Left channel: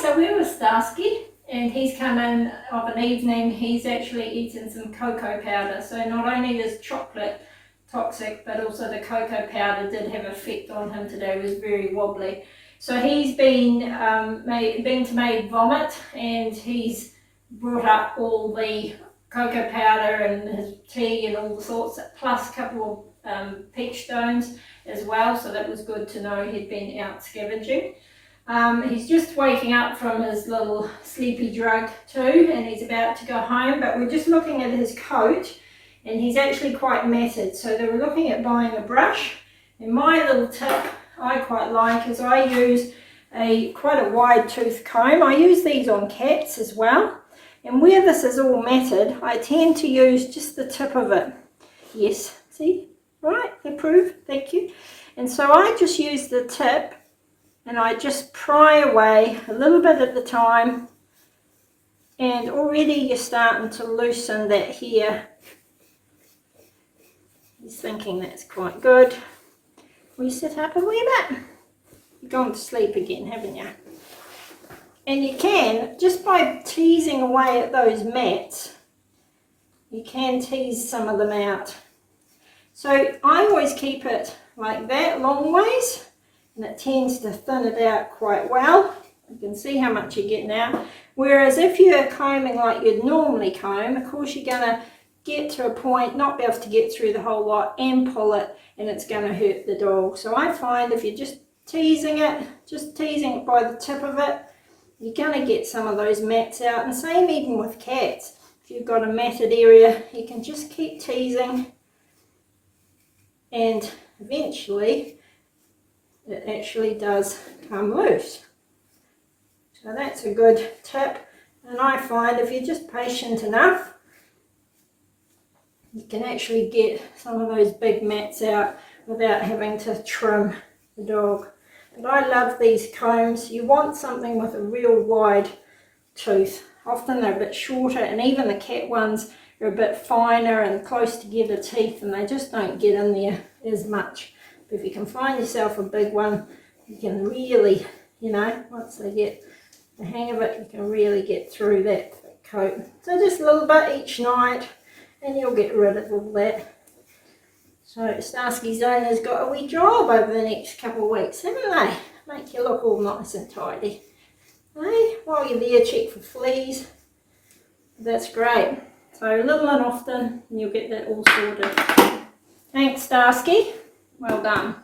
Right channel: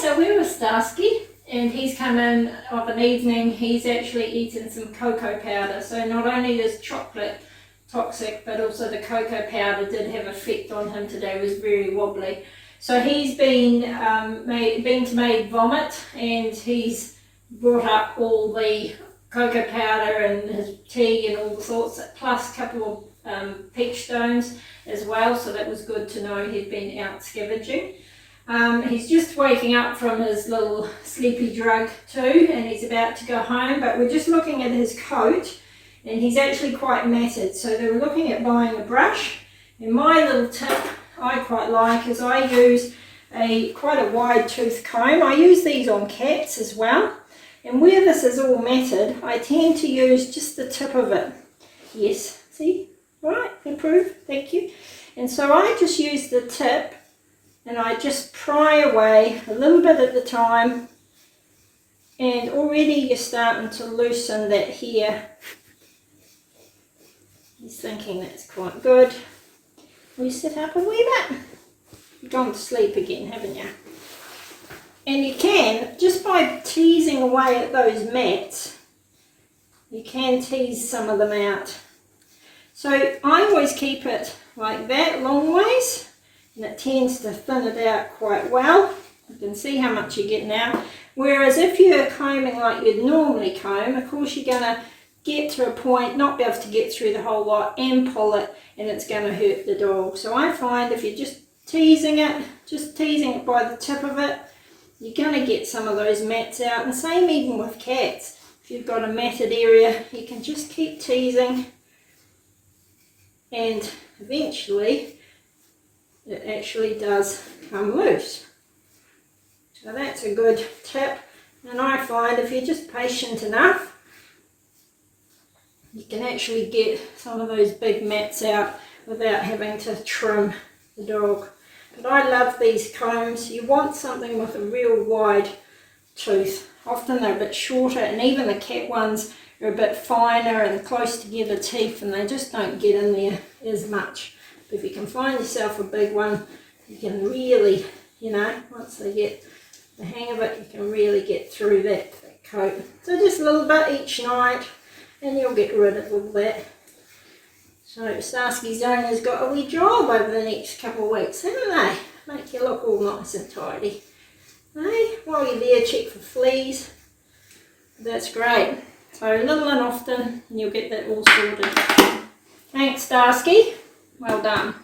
so we're with Starsky, and he's come in of an evening. He's actually eaten some cocoa powder, so not only is chocolate toxic, but also the cocoa powder did have effect on him today. He was very wobbly. So he's been made vomit, and he's brought up all the cocoa powder and his tea and all the sorts, plus a couple of peach stones as well, so that was good to know he'd been out scavenging. He's just waking up from his little sleepy drug too, and he's about to go home, but we're just looking at his coat, and he's actually quite matted, so they were looking at buying a brush. And my little tip I quite like is I use quite a wide tooth comb. I use these on cats as well, and where this is all matted I tend to use just the tip of it. Yes, see? Right, improve, thank you. And so I just use the tip and I just pry away a little bit at a time, and already you're starting to loosen that hair. He's thinking that's quite good. Will you sit up a wee bit? You've gone to sleep again, haven't you? And you can, just by teasing away at those mats, you can tease some of them out. So I always keep it like that, long ways, and it tends to thin it out quite well. You can see how much you get now. Whereas if you're combing like you'd normally comb, of course you're going to get to a point, not be able to get through the whole lot and pull it, and it's going to hurt the dog. So I find if you're just teasing it by the tip of it, you're going to get some of those mats out. And the same even with cats. If you've got a matted area, you can just keep teasing, and eventually it actually does come loose. So that's a good tip, and I find if you're just patient enough, you can actually get some of those big mats out without having to trim the dog. But I love these combs. You want something with a real wide tooth. Often they're a bit shorter, and even the cat ones are a bit finer and close together teeth, and they just don't get in there as much. But if you can find yourself a big one, you can really, once they get the hang of it, you can really get through that thick coat. So just a little bit each night, and you'll get rid of all that. So Starsky's owner's got a wee job over the next couple of weeks, haven't they? Make you look all nice and tidy. Hey, while you're there, check for fleas. That's great. So little and often, and you'll get that all sorted. Thanks, Starsky. Well done.